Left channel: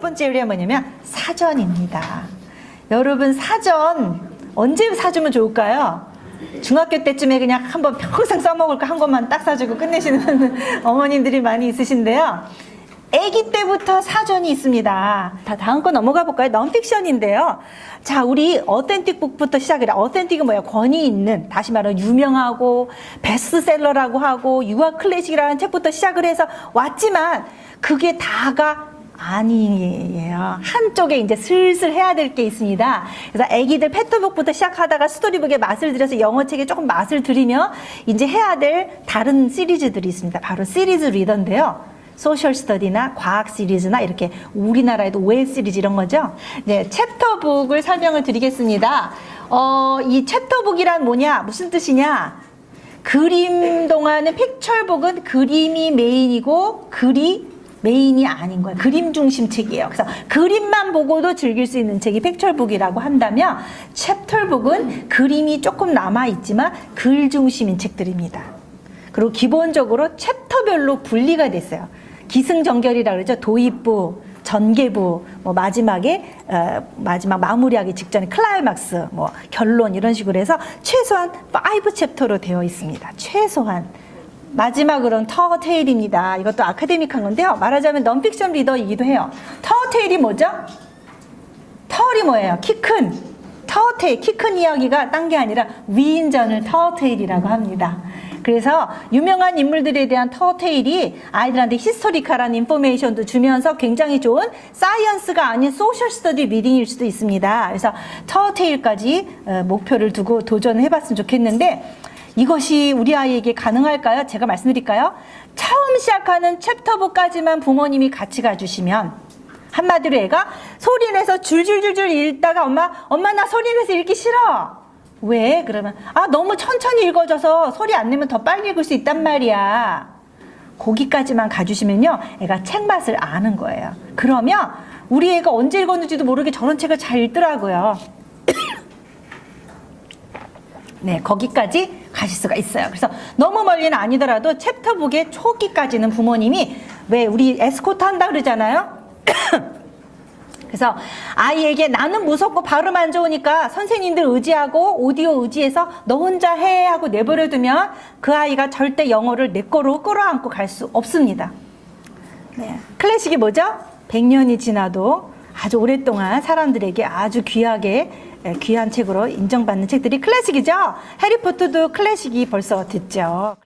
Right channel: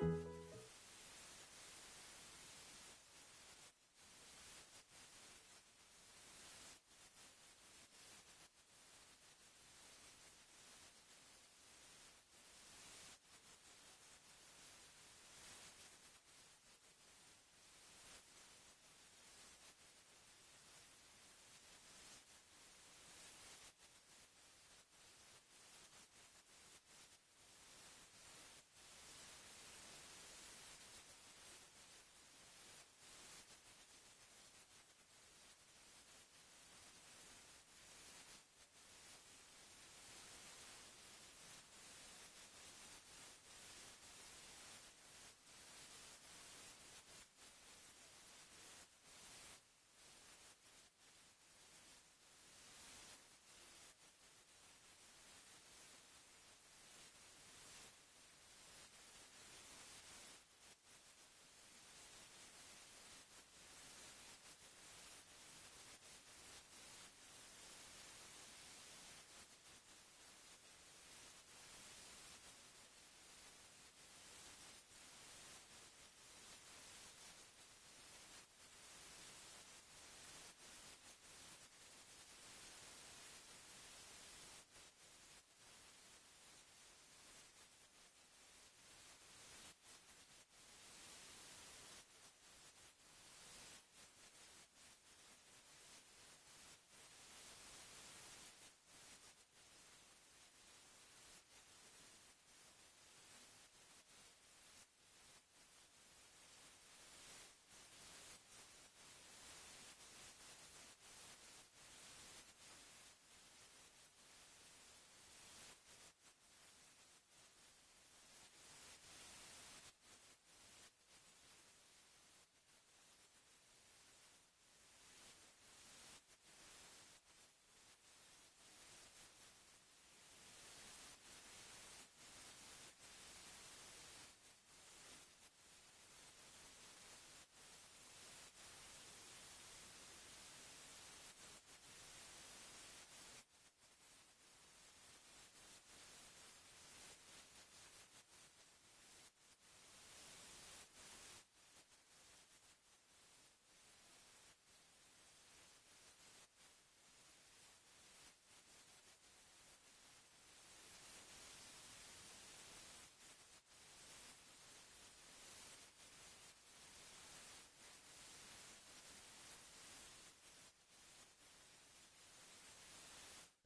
번째 요리가 뭐냐면 사전입니다. 여러분 사전 언제 사주면 좋을까요? 중학교 때쯤에 그냥 한번 평생 써먹을 거 한 것만 딱 사주고 끝내시는 어머님들이 많이 있으신데요. 아기 때부터 사전이 있습니다. 다 다음 거 넘어가 볼까요? 넌픽션인데요. 자, 우리 어센틱 북부터 시작을 해. 어센틱은 뭐야? 권위 있는, 다시 말하면 유명하고 베스트셀러라고 하고 유아 클래식이라는 책부터 시작을 해서 왔지만 그게 다가 아니에요. 한쪽에 이제 슬슬 해야 될 게 있습니다. 그래서 아기들 패턴북부터 시작하다가 스토리북에 맛을 들여서 영어책에 조금 맛을 들이며 이제 해야 될 다른 시리즈들이 있습니다. 바로 시리즈 리더인데요. 소셜 스터디나 과학 시리즈나 이렇게 우리나라에도 오해 시리즈 이런 거죠. 네, 챕터북을 설명을 드리겠습니다. 어, 이 챕터북이란 뭐냐? 무슨 뜻이냐? 그림 동안은 픽처북은 그림이 메인이고 글이 메인이 아닌 거예요. 그림 중심 책이에요. 그래서 그림만 보고도 즐길 수 있는 책이 픽처북이라고 한다면 챕터북은 그림이 조금 남아 있지만 글 중심인 책들입니다. 그리고 기본적으로 챕터별로 분리가 됐어요. 기승전결이라 그러죠. 도입부, 전개부, 뭐 마지막에 어, 마지막 마무리하기 직전에 클라이막스, 뭐 결론 이런 식으로 해서 최소한 5 챕터로 되어 있습니다. 최소한 마지막으로는 터테일입니다. 이것도 아카데믹한 건데요. 말하자면 넌픽션 리더이기도 해요. 터테일이 뭐죠? 터울이 뭐예요? 키 큰. 터테일, 키 큰 이야기가 딴 게 아니라 위인전을 터테일이라고 합니다. 그래서 유명한 인물들에 대한 터테일이 아이들한테 히스토리컬한 인포메이션도 주면서 굉장히 좋은 사이언스가 아닌 소셜 스터디 리딩일 수도 있습니다. 그래서 터테일까지 어, 목표를 두고 도전해 봤으면 좋겠는데 이것이 우리 아이에게 가능할까요? 제가 말씀드릴까요? 처음 시작하는 챕터부까지만 부모님이 같이 가주시면 한마디로 애가 소리내서 줄줄줄줄 읽다가 엄마 엄마 나 소리내서 읽기 싫어. 왜? 그러면 아 너무 천천히 읽어져서 소리 안 내면 더 빨리 읽을 수 있단 말이야. 거기까지만 가주시면요, 애가 책 맛을 아는 거예요. 그러면 우리 애가 언제 읽었는지도 모르게 저런 책을 잘 읽더라고요. 네, 거기까지 가실 수가 있어요. 그래서 너무 멀리는 아니더라도 챕터북의 초기까지는 부모님이 왜 우리 에스코트 한다 그러잖아요. 그래서 아이에게 나는 무섭고 발음 안 좋으니까 선생님들 의지하고 오디오 의지해서 너 혼자 해 하고 내버려두면 그 아이가 절대 영어를 내 거로 끌어안고 갈 수 없습니다. 네. 클래식이 뭐죠? 100년이 지나도 아주 오랫동안 사람들에게 아주 귀하게 에, 귀한 책으로 인정받는 책들이 클래식이죠. 해리포터도 클래식이 벌써 됐죠.